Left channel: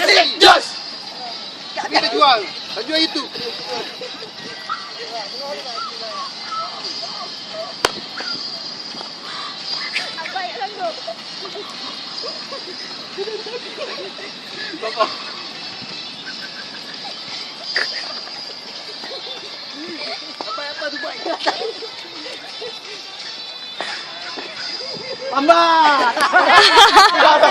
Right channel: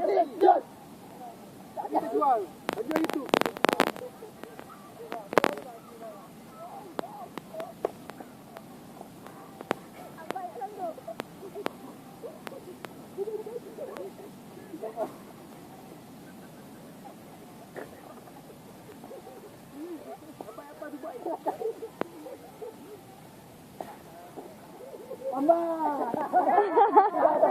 nasi jos. Kita jual. Jual itu. Bapak. Apa tu buat? Tambah.